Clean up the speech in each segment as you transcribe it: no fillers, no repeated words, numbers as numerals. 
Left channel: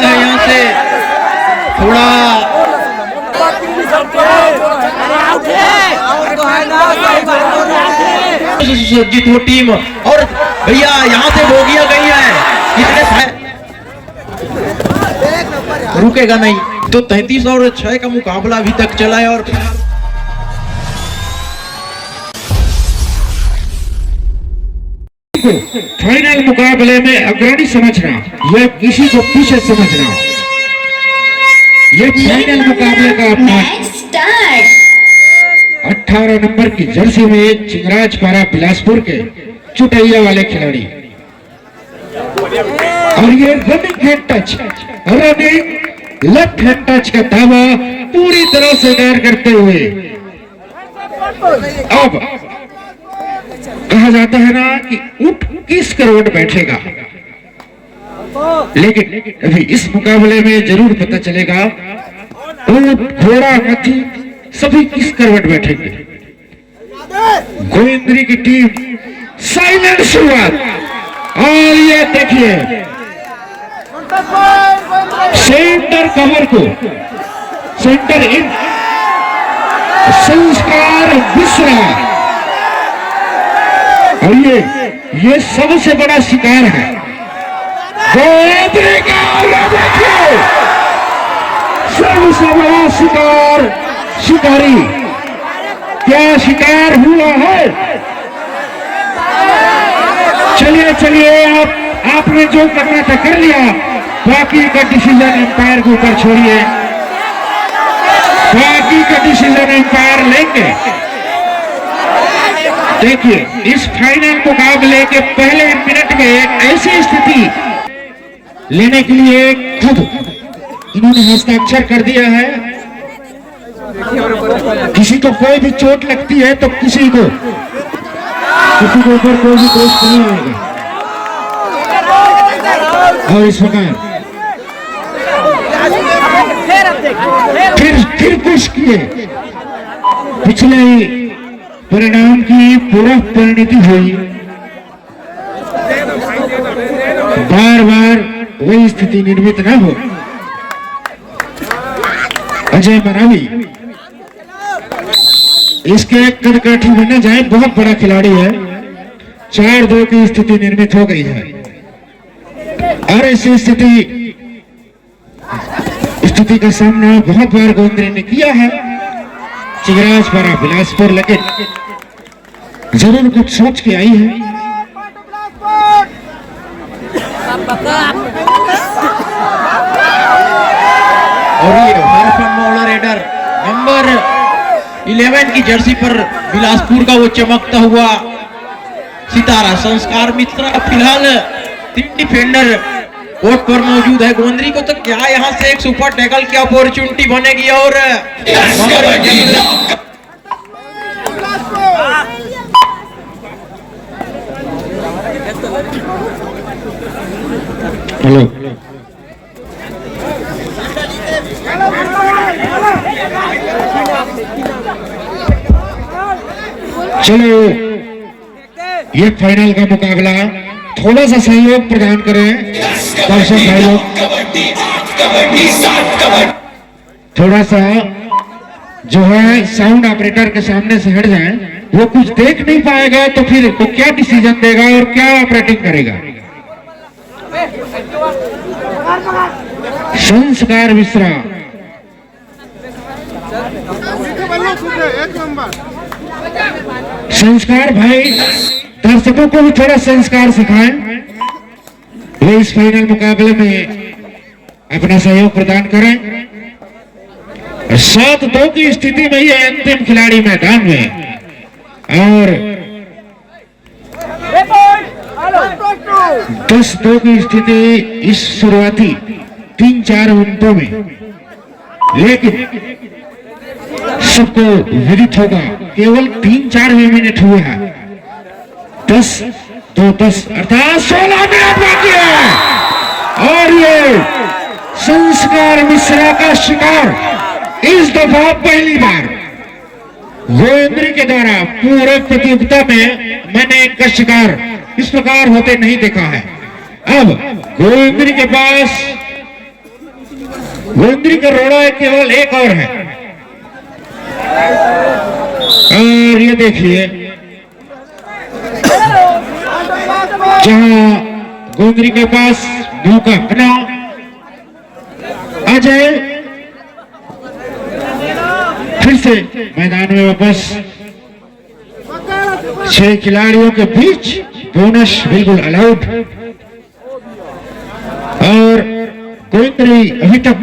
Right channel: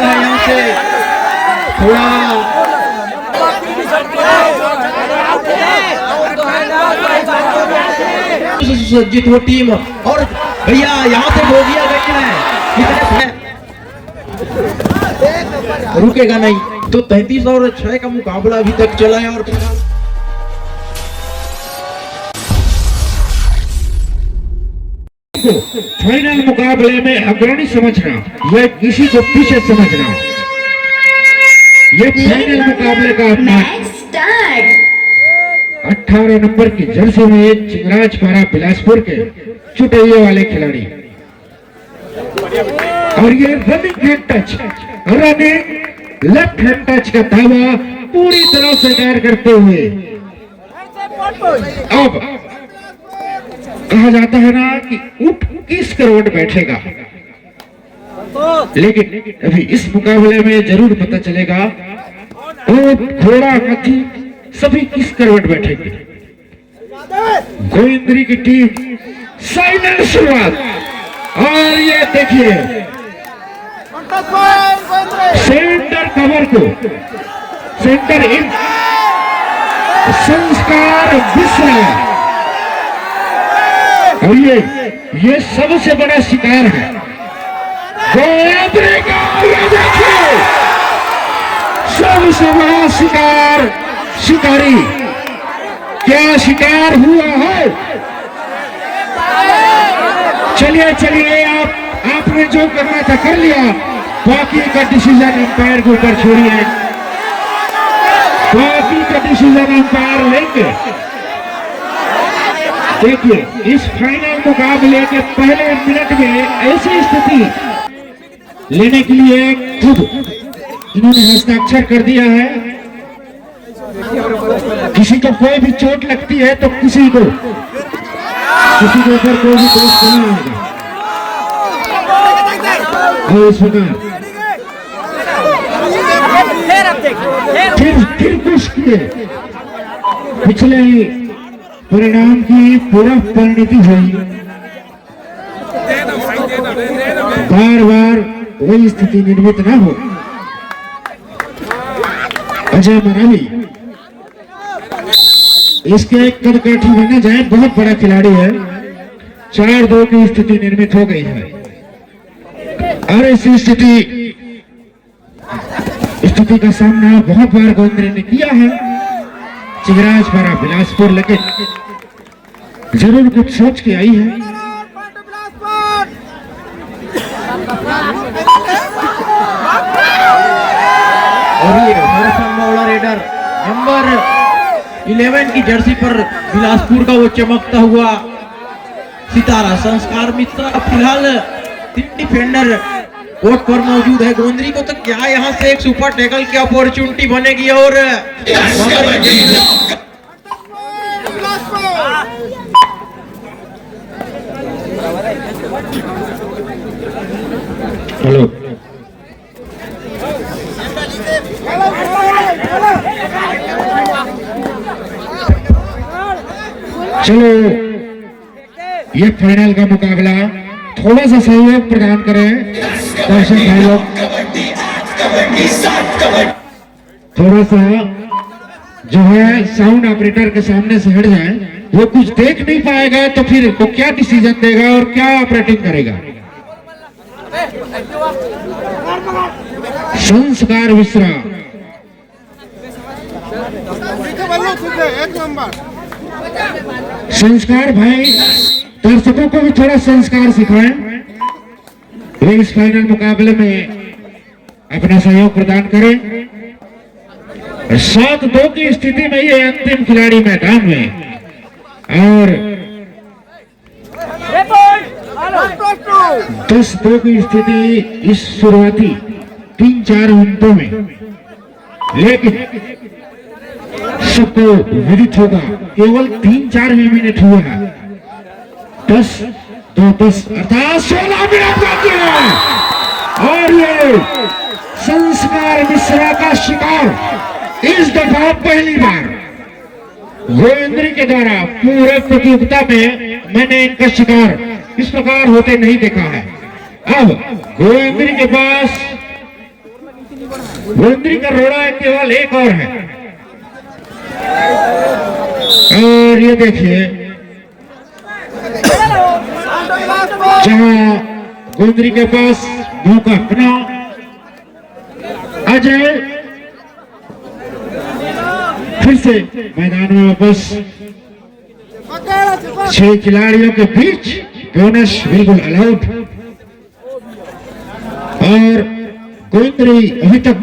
है यहाँ से थोड़ा सुसज्जित वो टीम। और भैया यहाँ से बोगियां गई है, कितने रुकेगा नहीं। तो 33 और 6 का मुकाबला अभी तक चला है। और फाइनल मुकाबले में अग्रणी समझना, यह किसी को पीछे समझना। ये फाइनल मुकाबले का अपना 18 नंबर की जर्सी में चिंगराज पारा बिलासपुर के चुटैया वाले खिलाड़ी। और ये running hand touch, running left hand touch का दावा पूरी तरह से दायर करते हुए अब कहा जाता है ना कि ऊंट किस करोड़ बैठेगा, लेकिन अभी इस मुकाबले में जरूर पता चलेगा ऊंट घोड़ा हाथी सभी किस करवट बैठेंगे। गोविंदरी की टीम साइलेंट शुरुआत। और ये देखिए सेंटर कवर को सेंटर इन संस्कार विश्रा। और ये सबसे बड़ा शिकार है गोविंदरी का। देखिए सबसे बड़ा शिकार, शिकारी क्या शिकार हुआ है। चलिए चलिए आपने जो करना था कर लिया, बाकी का डिसीजन एम्पायर के ऊपर छोड़िए, बाकी का डिसीजन एम्पायर लेंगे। देखिए इस फाइनल मुकाबले के पहले मिनट में एक ऐसी स्थिति लेने के लिए खुद इन्होंने हस्ताक्षर कर दिया है। किसी को कोई भी चोट लगती है तो किसी को ऊपर कोई भी दोष नहीं होगा। और इस प्रकार फिर कुछ किए पिछले परिणाम की पूरा परिणति हुई। बार बार वही स्थिति निर्मित न हो। अजय मरावी इसके कदकाठी बनने जाए, बहुत बड़ा खिलाड़ी है। 4-2 की स्थिति निर्मित हो गई है। और ऐसी स्थिति का सामना बहुत बार गोविंदरी ने किया है। चिंगराज पारा बिलासपुर लेकिन जरूर कुछ सोच के आई है। और ये हरफन मौला रेडर नंबर 11 की जर्सी पर बिलासपुर का वो चमकता हुआ सितारा संस्कार मित्रा। फिलहाल 3 डिफेंडर कोर्ट पर मौजूद है। गोविंदरी को तो क्या यहाँ से एक सुपर टैकल की अपॉर्चुनिटी बनेगी। और हेलो चलो ये फाइनल का मुकाबला, थोड़ा सा सहयोग प्रदान करें दर्शक भाई लोग। थोड़ा सा जो है साउंड ऑपरेटर के सामने से हट जाए, वो कुछ देख नहीं पाएगा तो फिर वो क्या डिसीजन देगा और क्या ऑपरेटिंग करेगा। संस्कार विश्रा संस्कार भाई दर्शकों को भी थोड़ा संस्कार सिखाएं। वे इस फाइनल मुकाबले में अपना सहयोग प्रदान करें। 7-2 की स्थिति में ये अंतिम खिलाड़ी मैदान में। और 10-2 की स्थिति इस शुरुआती 3-4 मिनटों में। लेकिन सबको विदित होगा केवल 3-4 मिनट हुए हैं। 10-2-10 अर्थात 16 मिनट बाकी है। और ये संस्कार मिश्रा का शिकार इस दफा पहली बार गोविंदरी के द्वारा पूरे प्रतियोगिता में मैंने इनका शिकार इस प्रकार होते नहीं देखा है। अब गोविंदरी के पास गोंदरी का रोड़ा केवल एक और है। और ये देखिए जहां गोंदरी के पास मौका बना, अजय फिर से मैदान में वापस। 6 खिलाड़ियों के बीच बोनस बिल्कुल अलाउड। और गोंदरी अभी तक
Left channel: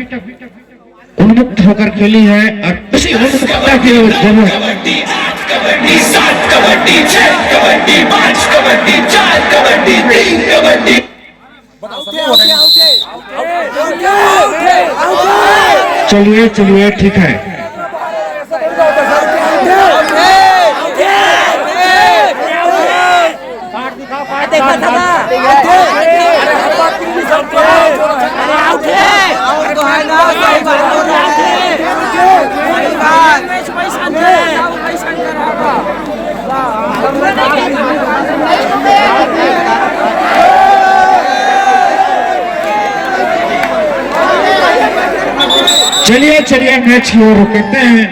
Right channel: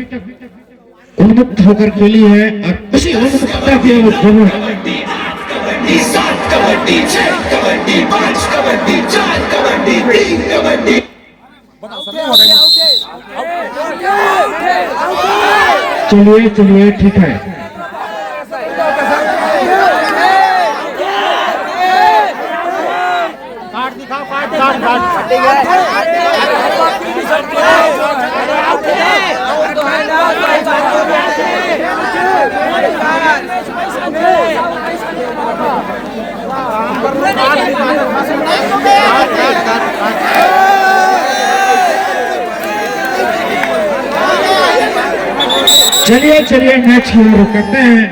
उन्मुक्त होकर खेली है और उसी उन्मुक्तता की जरूरत। कबड्डी 7 कबड्डी 6 कबड्डी 5 कबड्डी 4 कबड्डी 3 कबड्डी। चलिए चलिए ठीक है। चलिए चलिए मैच की ओर कहते हैं।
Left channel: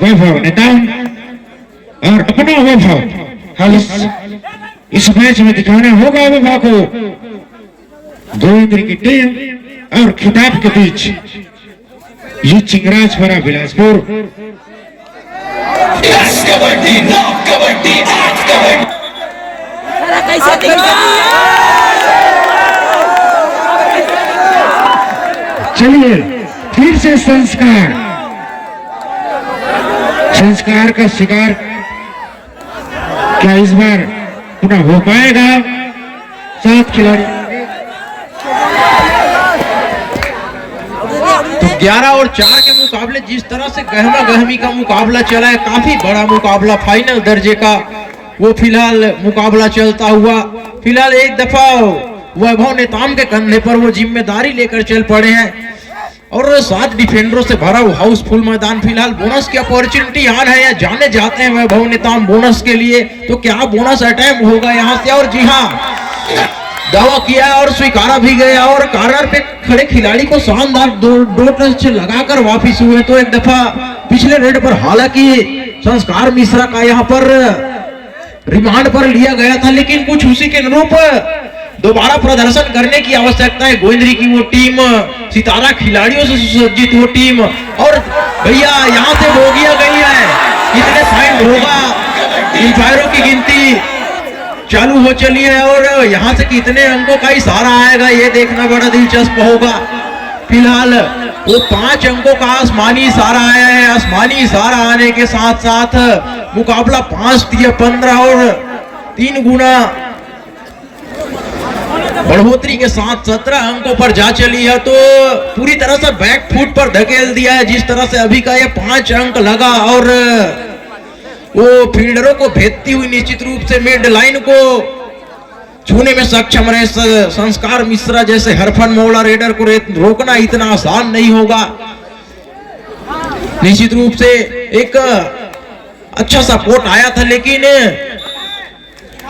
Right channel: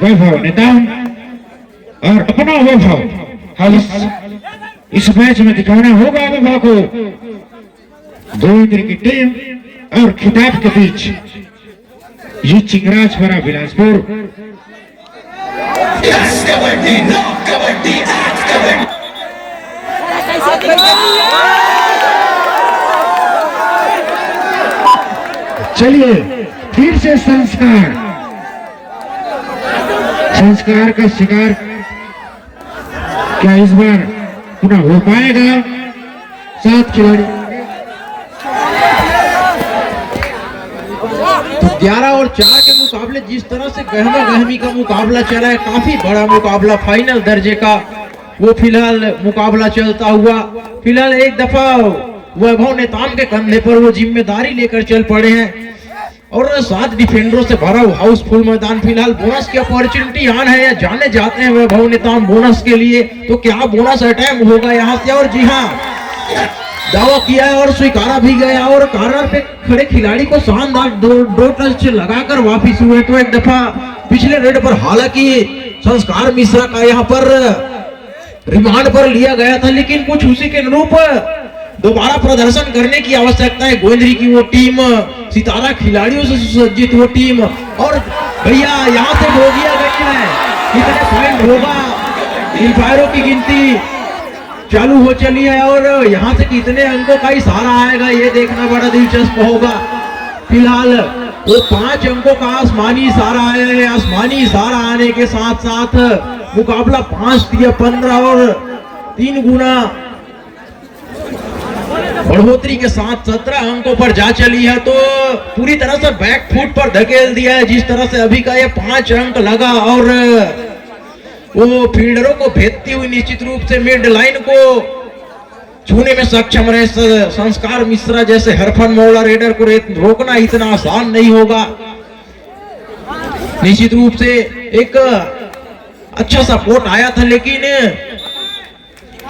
वैभव नेताम और अपना वैभव इस मैच में दिखाना होगा वैभव को। गोंदरी की टीम और खिताब के बीच ये चिंगराजपुरा बिलासपुर। कबड्डी 9 कबड्डी 8 कबड्डी। चलिए फिर से संस्कार का शिकार क्या इस बार पुनः हो पाएगा? 7 खिलाड़ी तो 11 और 4 के मुकाबले जिस तरह से गहमा गहमी का मुकाबला चला है, काफी बड़ा मुकाबला फाइनल दर्जे का, वो फिलहाल मुकाबला चलता हुआ फिलहाल एक दफा वैभव नेताम के कंधे पर वो जिम्मेदारी लेकर चल पड़े हैं और 7 डिफेंडरों से भरा हाउसफुल मैदान। फिलहाल बोनस की अपॉर्चुनिटी आ रहा है, जाने जाते हैं वैभव नेताम बोनस के लिए। तो क्या बोनस अटैम्प्ट होगा यहाँ से? और जी हाँ, दावा किया और स्वीकारा भी गया और कॉर्नर पे खड़े खिलाड़ी को शानदार दो टच लगाकर वापिस हुए। तो एक दफा पिछले रेड पर हालांकि संस्कार मिश्रा का यहाँ पर रिमांड पर लिया गया था, लेकिन कुछ उसी के अनुरूप दोबारा प्रदर्शन करने की आवश्यकता है। गोंदरी की वो टीम सितारा खिलाड़ियों से सुसज्जित वो टीम। और भैया यहाँ से बोगिया गई है, कितने पॉइंट होगा? इंपायरों की गिनती चालू हो चली है और यहाँ से कितने अंकों का इशारा आएगा ये देखना बड़ा दिलचस्प होगा। फिलहाल वो 5 अंकों का आसमानी इशारा आया है। आसमानी इशारा आने के साथ साथ मुकाबला 5-15 और 3 गुना बढ़ोतरी के साथ 17 अंकों पर जा चली है। तो पूरी तरह से बैक फुट पर धकेल दिया है जिस तरह से अभी का ये 5 अंक लगा और वो फील्डरों को भेजती हुई निश्चित रूप से मिड लाइन को छूने में सक्षम रहे। संस्कार मिश्रा जैसे हरफन मौला रेडर को रोकना इतना आसान नहीं होगा। निश्चित रूप से एक अच्छा सपोर्ट आया था, लेकिन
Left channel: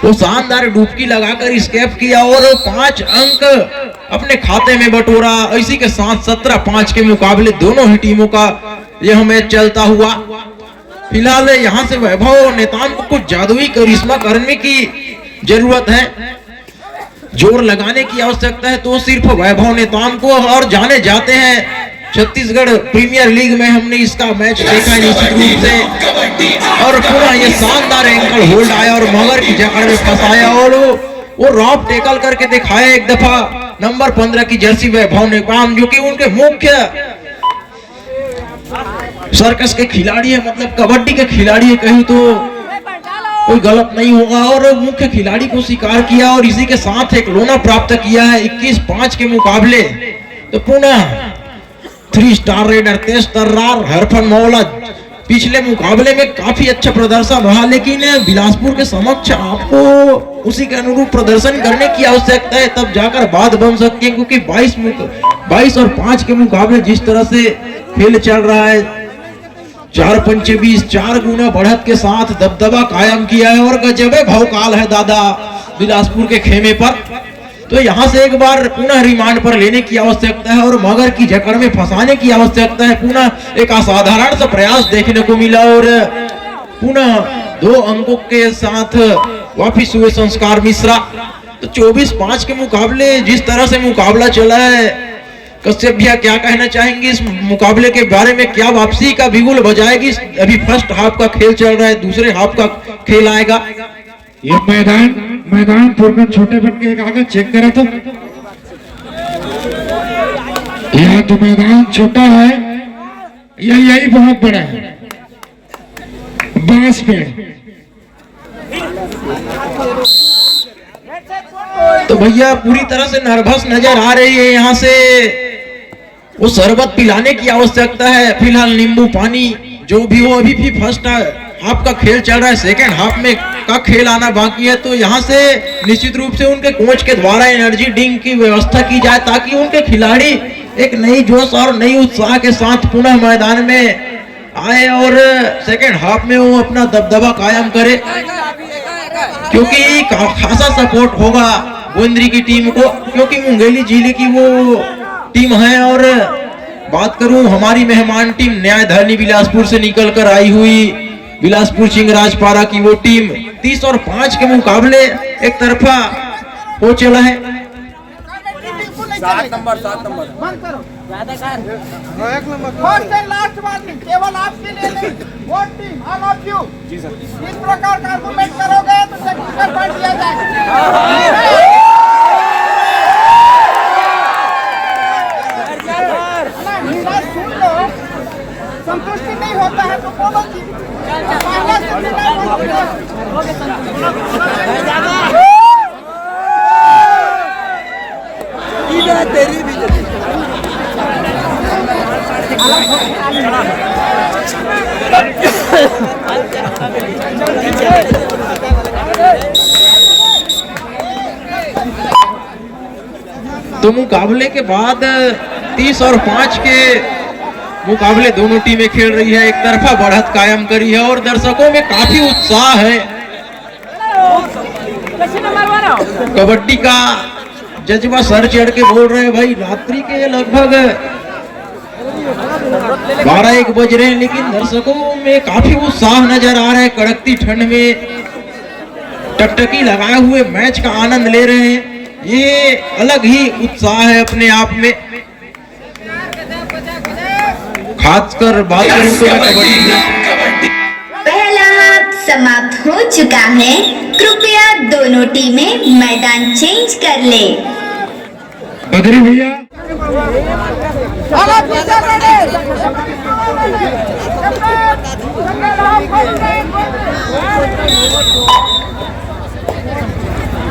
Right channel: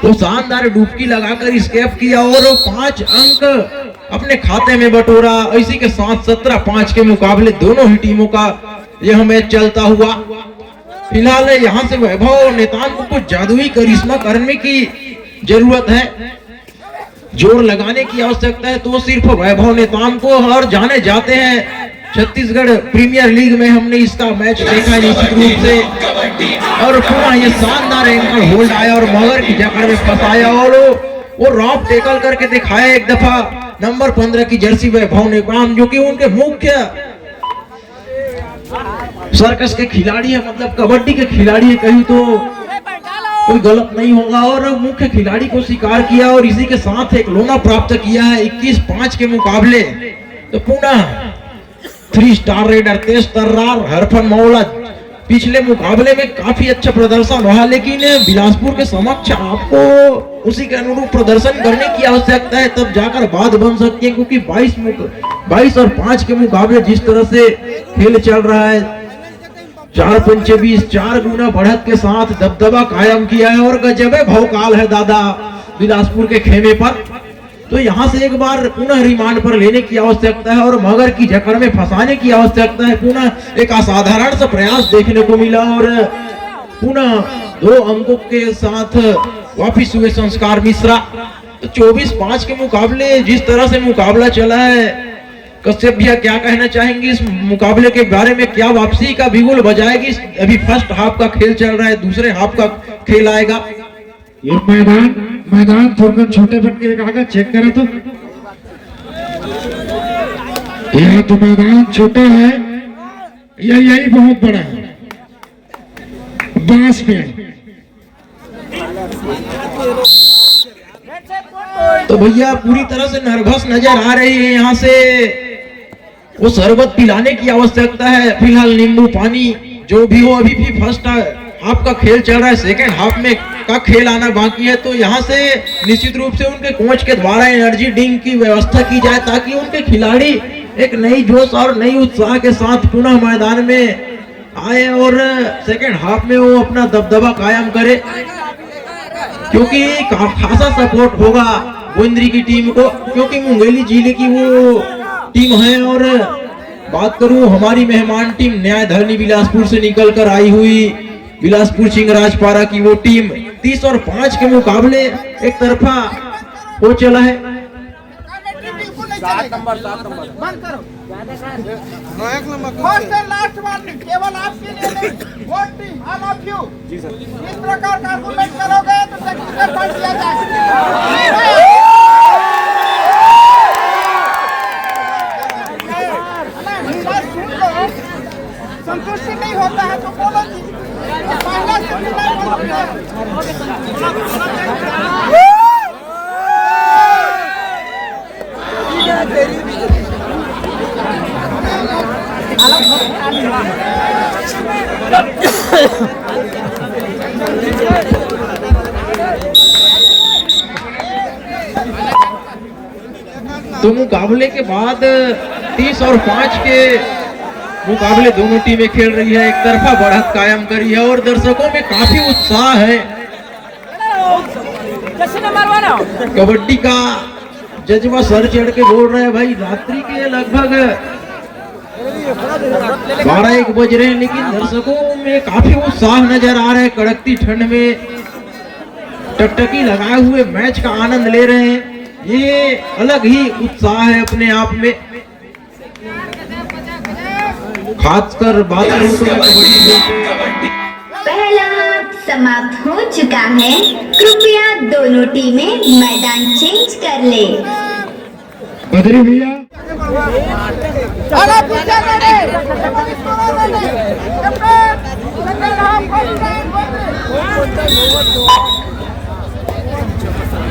वो शानदार डुबकी लगाकर एस्केप किया और 5 अंक अपने खाते में बटोरा। इसी के साथ 17-5 के मुकाबले दोनों ही टीमों का यह मैच चलता हुआ। फिलहाल यहाँ से वैभव नेताम को कुछ जादुई करिश्मा करने की जरूरत है, जोर लगाने की आवश्यकता है। तो सिर्फ वैभव नेताम को, और जाने जाते हैं छत्तीसगढ़ प्रीमियर लीग में हमने इसका मैच देखा है निश्चित रूप से। और पूरा ये शानदार एंकल होल्ड आया और मगर की जकड़ में फंसाया और वो रॉप टेकल करके दिखाया एक दफा नंबर 15 की जर्सी वैभव नेताम, जो कि उनके मुख्य सर्कस के खिलाड़ी है, मतलब कबड्डी के खिलाड़ी है, कहीं तो कोई गलत नहीं होगा। और मुख्य खिलाड़ी को स्वीकार किया और इसी के साथ एक लोना प्राप्त किया है 21-5 के मुकाबले। तो पुनः 3 स्टार रेडर तेज तर्रार हरफन मौला पिछले मुकाबले में काफी अच्छा प्रदर्शन रहा, लेकिन बिलासपुर के समक्ष आपको उसी के अनुरूप प्रदर्शन करने की आवश्यकता है, तब जाकर बात बन सकती है। क्योंकि 22 और 5 के मुकाबले जिस तरह से खेल चल रहा है, 4 पंचे 20, 4 गुना बढ़त के साथ दबदबा कायम किया है और गजबे भौकाल है दादा। बिलासपुर के खेमे पर। तो यहाँ से एक बार पुनः रिमांड पर लेने की आवश्यकता है और मगर की जकड़ में फंसाने की आवश्यकता है। पुनः एक असाधारण सा प्रयास देखने को मिला और पुनः 2 अंकों के साथ वापिस हुए संस्कार मिश्रा। तो 24-5 के मुकाबले जिस तरह से मुकाबला चला है, कश्यप भैया क्या कहना चाहेंगे इस मुकाबले के बारे में? क्या वापसी का बिगुल बजाएगी? अभी फर्स्ट हाफ का खेल चल रहा है, दूसरे हाफ का खेल आएगा। ये मैदान थोड़ा छोटे बन के आगे चेक करें तो यह तो मैदान छोटा है, यही बहुत बड़ा है, बांस पे। तो भैया पूरी तरह से नर्वस नजर आ रही है। यहाँ से वो शरबत पिलाने की आवश्यकता है। फिलहाल नींबू पानी जो भी हो, अभी भी फर्स्ट हाफ का खेल चल रहा है, सेकेंड हाफ में का खेल आना बाकी है। तो यहाँ से निश्चित रूप से उनके कोच के द्वारा एनर्जी ड्रिंक की व्यवस्था की जाए ताकि उनके खिलाड़ी एक नई जोश और नई उत्साह के साथ पुनः मैदान में आए और सेकेंड हाफ में वो अपना दबदबा कायम करे, क्योंकि खासा सपोर्ट होगा गोविंदरी की टीम को, क्योंकि मुंगेली जिले की वो टीम है। और बात करूं हमारी मेहमान टीम न्यायधरनी बिलासपुर से निकल कर आई हुई बिलासपुर सिंह राजपारा की वो टीम 30 और 5 के मुकाबले एक तरफा हो चला है। 7 नंबर बंद करो। फर्स्ट एंड लास्ट वार्निंग केवल आपके लिए नहीं, वो टीम ऑल ऑफ यू इस प्रकार का आर्गुमेंट करोगे तो टेक्निकल पॉइंट दिया जाएगा। सुन लो, संतुष्टि नहीं होता है तो बोलो जी। पहले तेरी भी तो मुकाबले के बाद 30 और 5 के मुकाबले दोनों टीमें खेल रही है, एक तरफा बढ़त कायम करी है और दर्शकों में काफी उत्साह है। कबड्डी का जज्बा सर चढ़ के बोल रहे हैं भाई। रात्रि के लगभग 12-1 बज रहे हैं, लेकिन दर्शकों में काफी उत्साह नजर आ रहा है। कड़कती ठंड में टकटकी लगाए हुए मैच का आनंद ले रहे हैं। ये अलग ही उत्साह है अपने आप में। खासकर बात करूं तो कबड्डी में पहला हाफ समाप्त हो चुका है। कृपया दोनों टीमें मैदान चेंज कर ले। बदरी भैया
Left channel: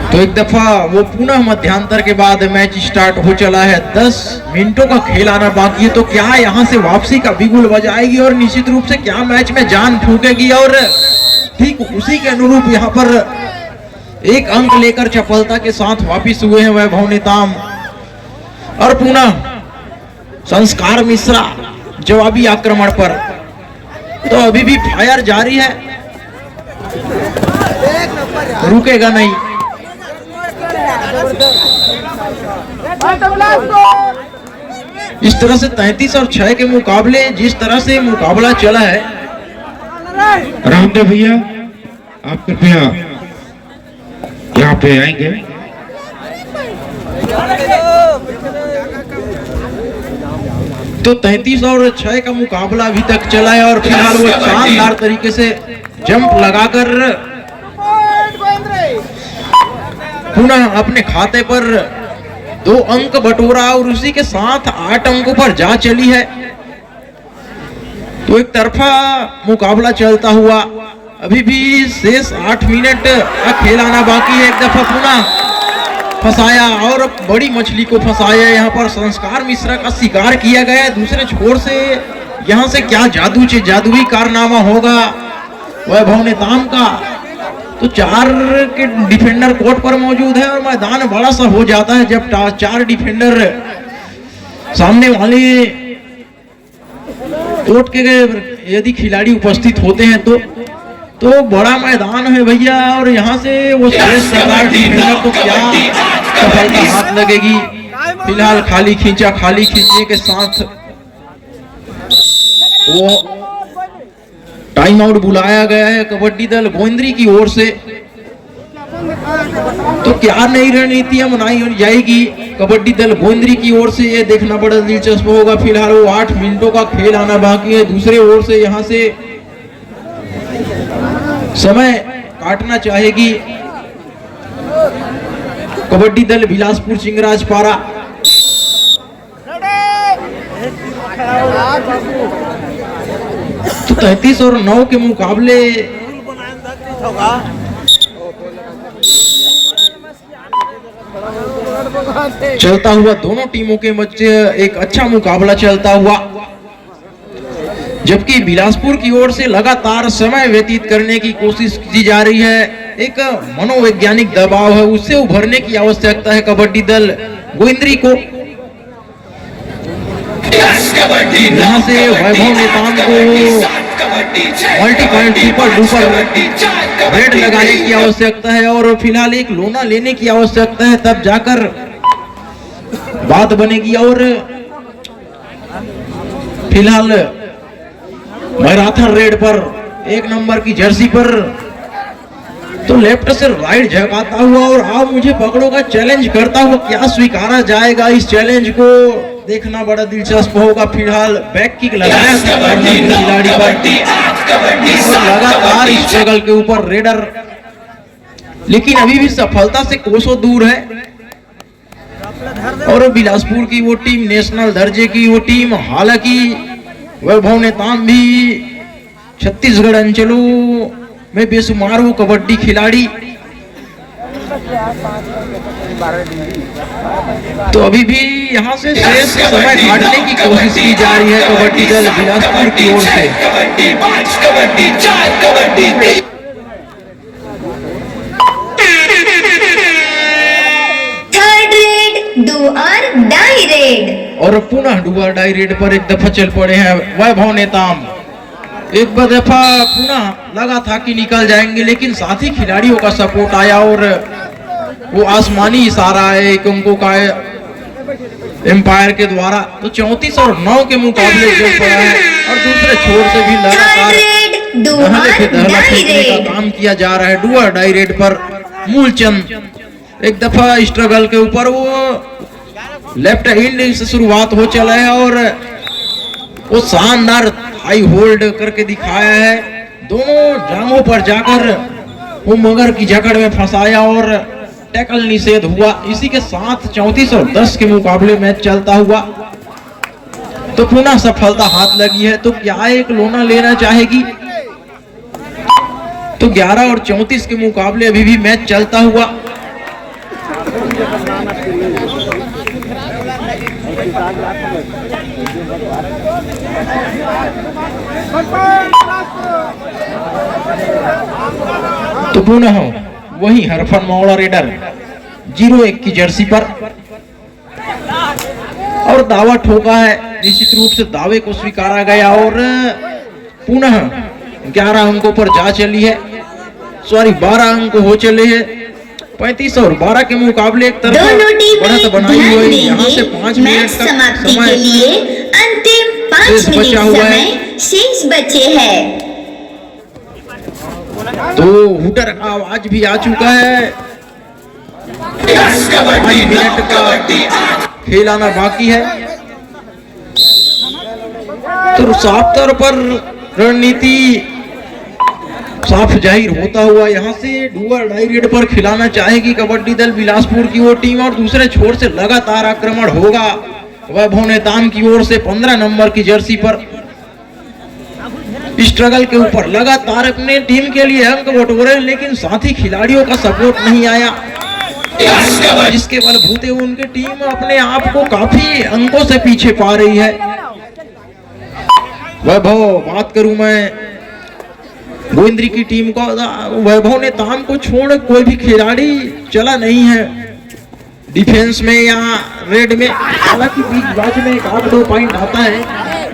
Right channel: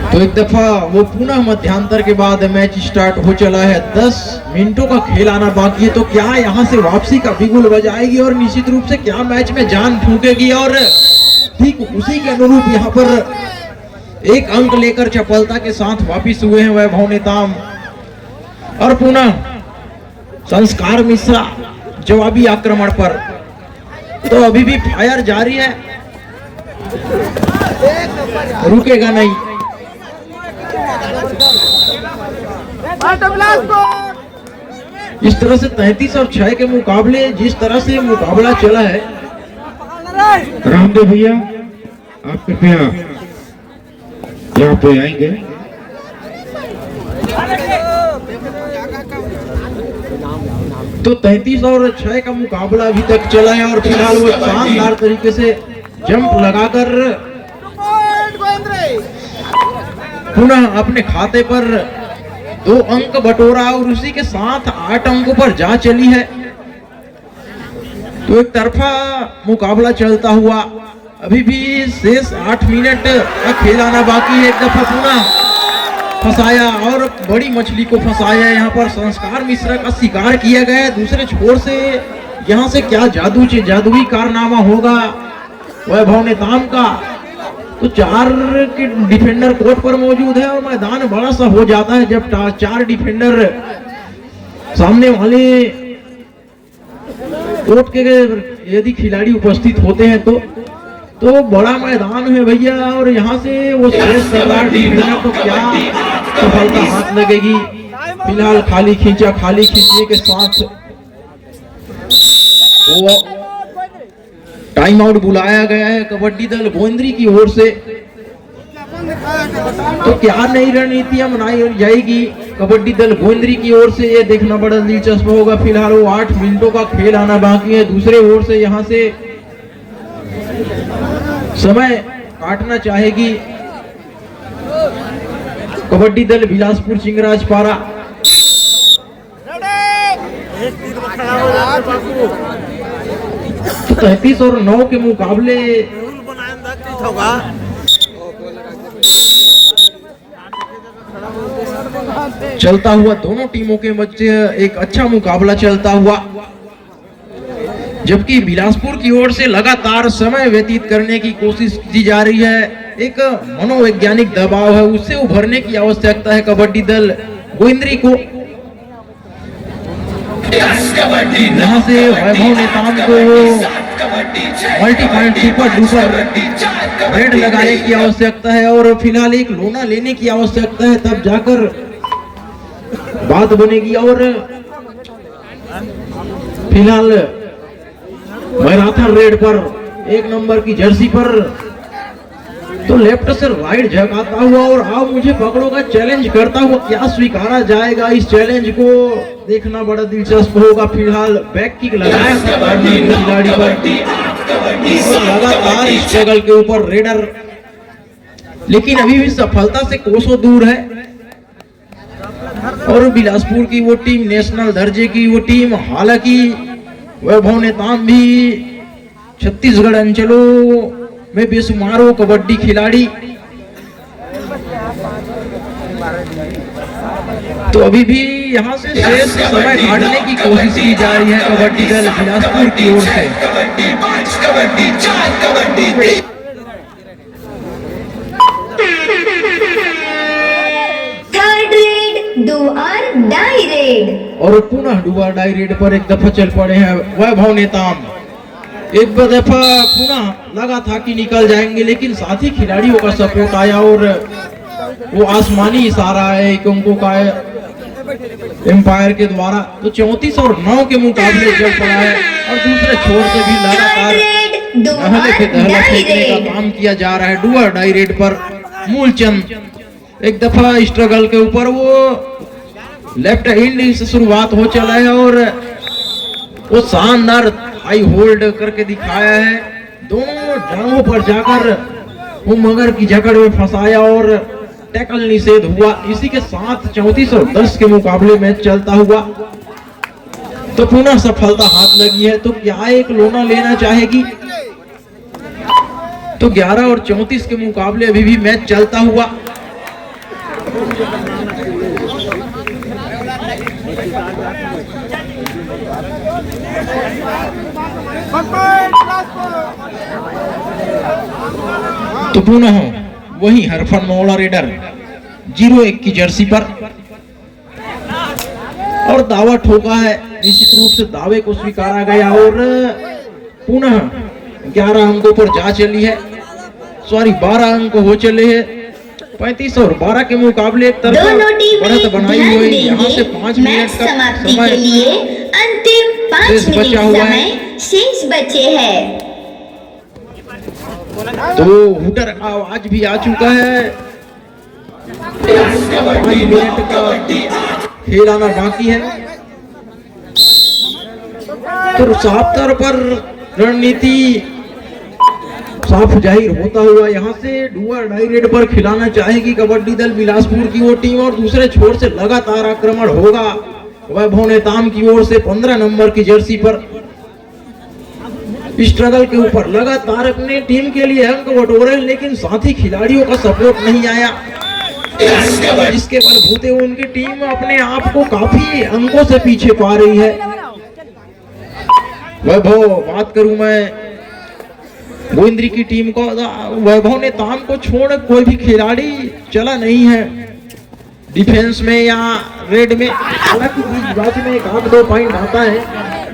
तो एक दफा वो पुनः मध्यांतर के बाद मैच स्टार्ट हो चला है। 10 मिनटों का खेल आना बाकी है। तो क्या यहाँ से वापसी का बिगुल बजाएगी और निश्चित रूप से क्या मैच में जान फूकेगी? और ठीक उसी के अनुरूप यहाँ पर 1 अंक लेकर चपलता के साथ वापिस हुए हैं वैभव नेताम और पुनः संस्कार मिश्रा जवाबी आक्रमण पर। तो अभी भी फायर जारी है, रुकेगा नहीं। इस तरह से 33 और 6 के मुकाबले जिस तरह से मुकाबला चला है। रामदेव भैया आप कृपया यहाँ पे आएंगे। तो 33 और 6 का मुकाबला अभी तक चला है और फिलहाल वो शानदार तरीके से जंप लगाकर पुनः अपने खाते पर 2 अंक बटोरा और उसी के साथ 8 अंकों पर जा चली है। तो एक तरफा मुकाबला चलता हुआ अभी भी शेष 8 मिनट का खेल आना बाकी है। एक दफा पुनः फंसाया और बड़ी मछली को फंसाया। यहाँ पर संस्कार मिश्रा का शिकार किया गया है। दूसरे छोर से यहाँ से क्या जादुई कारनामा होगा वैभव नेताम का? तो 4 के डिफेंडर कोर्ट पर मौजूद है और मैदान बड़ा सा हो जाता है जब 4 डिफेंडर सामने वाले कोर्ट के यदि खिलाड़ी उपस्थित होते हैं। तो तो बड़ा मैदान है भैया, और यहाँ से वो शेष सम्राट डिफेंडर तो क्या सफलता हाथ लगेगी। फिलहाल खाली खींचने के साथ वो टाइम आउट बुलाया गया है कबड्डी दल गोविंदरी की ओर से। तो क्या नई रणनीतियां बनाई जाएगी कबड्डी दल गोविंदरी की ओर से, ये देखना बड़ा दिलचस्प होगा। फिलहाल वो 8 मिनटों का खेल आना बाकी है। दूसरे ओर से यहाँ से समय काटना चाहेगी कबड्डी दल बिलासपुर चिंगराजपारा। तो 33 और 9 के मुकाबले चलता हुआ दोनों टीमों के मध्य एक अच्छा मुकाबला चलता हुआ, जबकि बिलासपुर की ओर से लगातार समय व्यतीत करने की कोशिश की जा रही है। एक मनोवैज्ञानिक दबाव है, उससे उभरने की आवश्यकता है कबड्डी दल गोविंदरी को। यहाँ से वैभव नेताम को multi point super duper red लगाने की आवश्यकता है, और फिलहाल एक लोना लेने की आवश्यकता है, तब जाकर बात बनेगी। और फिलहाल मैराथन रेड पर 1 नंबर की जर्सी पर तो लेफ्ट से राइट झकाता हुआ और आप मुझे पकड़ो का चैलेंज करता हुआ क्या स्वीकारा जाएगा। इस चैलेंज को देखना बड़ा दिलचस्प होगा। फिलहाल बैक किक लगाया खिलाड़ी पर और लगातार स्ट्रगल के ऊपर रेडर, लेकिन अभी भी सफलता से कोसों दूर है। और बिलासपुर की वो टीम नेशनल दर्जे की वो टीम, हालांकि वैभव नेताम भी छत्तीसगढ़ अंचलों में बेशुमार वो कबड्डी खिलाड़ी, तो अभी भी यहाँ से शेष समय काटने की कोशिश की जा रही है कबड्डी दल बिलासपुर की ओर से। थर्ड रेड डू और डाई रेड, और पुनः डू और डाई रेड पर एक दफा चल पड़े हैं वैभव नेताम। एक दफा पुनः लगा था कि निकल जाएंगे, लेकिन साथी खिलाड़ियों का सपोर्ट आया और वो आसमानी इशारा है एक अंकों का एम्पायर के द्वारा। तो 34 और 9 के मुकाबले चल पड़ा है, और दूसरे छोर से भी लगातार दहला फेंकने का काम किया जा रहा है। डू और डाई रेड पर मूलचंद एक दफा स्ट्रगल के ऊपर वो लेफ्ट हैंड से शुरुआत हो चला है, और वो शानदार हाई होल्ड करके दिखाया है। दोनों जांघों पर जाकर वो मगर की जकड़ में फंसाया और टैकल निषेध हुआ। इसी के साथ 34 और 10 के मुकाबले मैच चलता हुआ तो पुनः सफलता हाथ लगी है। तो क्या एक लोना लेना चाहेगी? तो 11 और 34 के मुकाबले अभी भी मैच चलता हुआ। तो पुनः वही हरफन मौला रेडर 01 की जर्सी पर और दावा ठोका है। निश्चित रूप से दावे को स्वीकारा गया और पुनः 11 अंकों पर जा चली है। 12 अंक हो चले हैं। 35 और 12 के मुकाबले एक तरफ बढ़त बनाई हुई है। यहाँ से 5 मिनट का समय अंतिम 5 मिनट समय शेष बचे हैं। तो हुटर का आवाज भी आ चुका है। 5 मिनट का खेल आना बाकी है। तो साफ तौर पर रणनीति साफ जाहिर होता हुआ यहाँ से डूअर डाई रेड पर खिलाना चाहेगी कबड्डी दल बिलासपुर की वो टीम, और दूसरे छोर से लगातार आक्रमण होगा वैभव नेताम की ओर से 15 नंबर की जर्सी पर। स्ट्रगल के ऊपर लगातार अपने टीम के लिए अंक बटोरे, लेकिन साथी खिलाड़ियों का सपोर्ट नहीं आया, जिसके बलबूते उनकी टीम अपने आप को काफी अंकों से पीछे पा रही है। वैभव बात करूं मैं गोविंदरी की टीम का, वैभव नेताम को छोड़ कोई भी खिलाड़ी चला नहीं है डिफेंस में या रेड में। हालांकि बीच बाज में 1-2 पॉइंट आता है,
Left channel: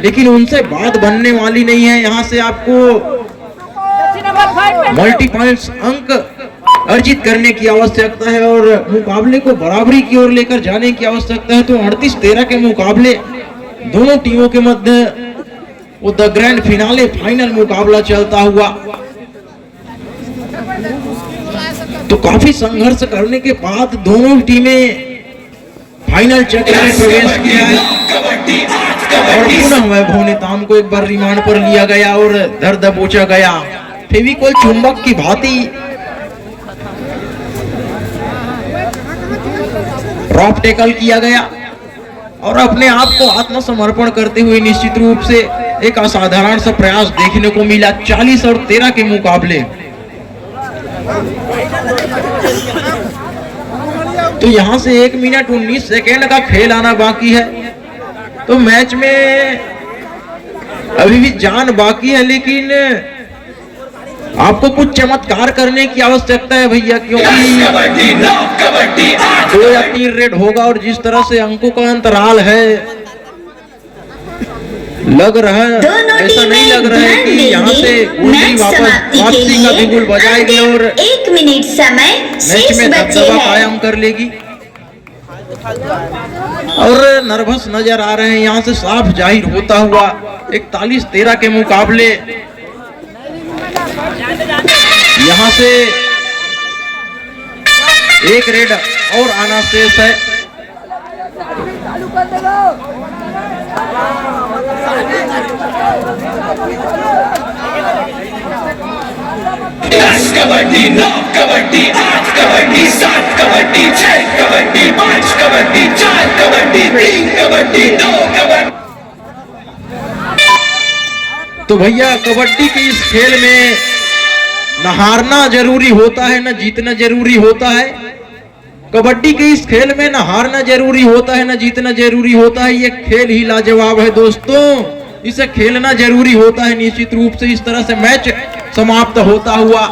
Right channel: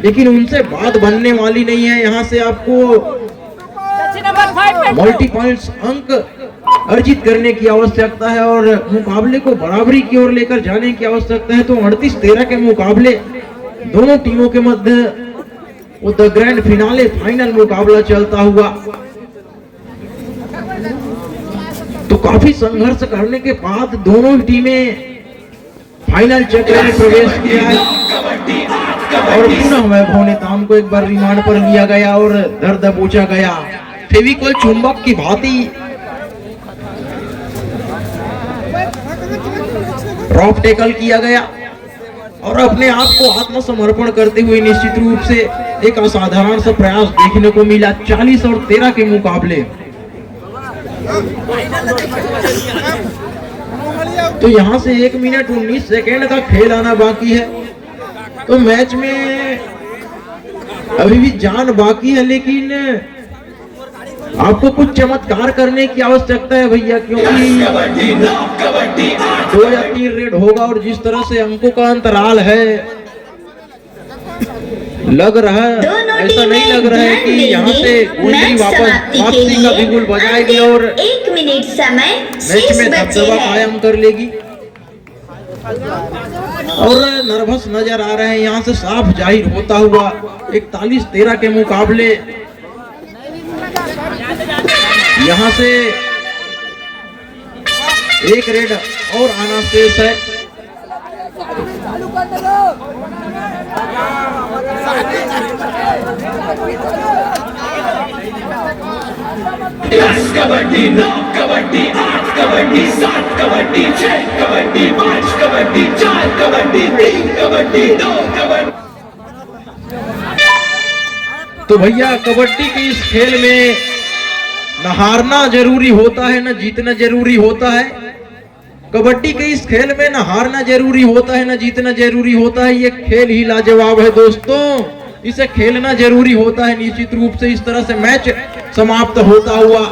लेकिन उनसे बात बनने वाली नहीं है। यहाँ से आपको मल्टीपॉइंट्स अंक अर्जित करने की आवश्यकता है और मुकाबले को बराबरी की ओर लेकर जाने की आवश्यकता है। तो 38-13 के मुकाबले दोनों टीमों के मध्य वो द ग्रैंड फिनाले फाइनल मुकाबला चलता हुआ। तो काफी संघर्ष करने के बाद दोनों टीमें फाइनल चक्र में प्रवेश किया है और पुनः वैभव नेताम को एक बार रिमांड पर लिया गया और दर दबोचा गया। फेविकोल चुंबक की भांति ड्रॉप टैकल किया गया और अपने आप को आत्मसमर्पण करते हुए निश्चित रूप से एक असाधारण सा प्रयास देखने को मिला 40 और 13 के मुकाबले। तो यहां से 1 मिनट 19 सेकेंड का खेल आना बाकी है। तो मैच में अभी भी जान बाकी है, लेकिन आपको कुछ चमत्कार करने की आवश्यकता है भैया, क्योंकि 2 या 3 रेड होगा और जिस तरह से अंकों का अंतराल है, लग रहा है ऐसा नहीं लग रहा है कि यहाँ से गुंडी वापसी का बिगुल बजाएगी और 1 मिनट समय मैच में दबदबा कायम कर लेगी। और नर्वस नजर आ रहे हैं यहाँ से साफ जाहिर होता हुआ 41-13 के मुकाबले। यहाँ से 1 रेड और आना शेष है। कबड्डी 9 कबड्डी 8 कबड्डी 7 कबड्डी 6 कबड्डी 5 कबड्डी 4 कबड्डी 3 कबड्डी 2 कबड्डी। तो भैया कबड्डी के इस खेल में न हारना जरूरी होता है न जीतना जरूरी होता है। कबड्डी के इस खेल में न हारना जरूरी होता है न जीतना जरूरी होता है। ये खेल ही लाजवाब है दोस्तों, इसे खेलना जरूरी होता है। निश्चित रूप से इस तरह से मैच समाप्त होता हुआ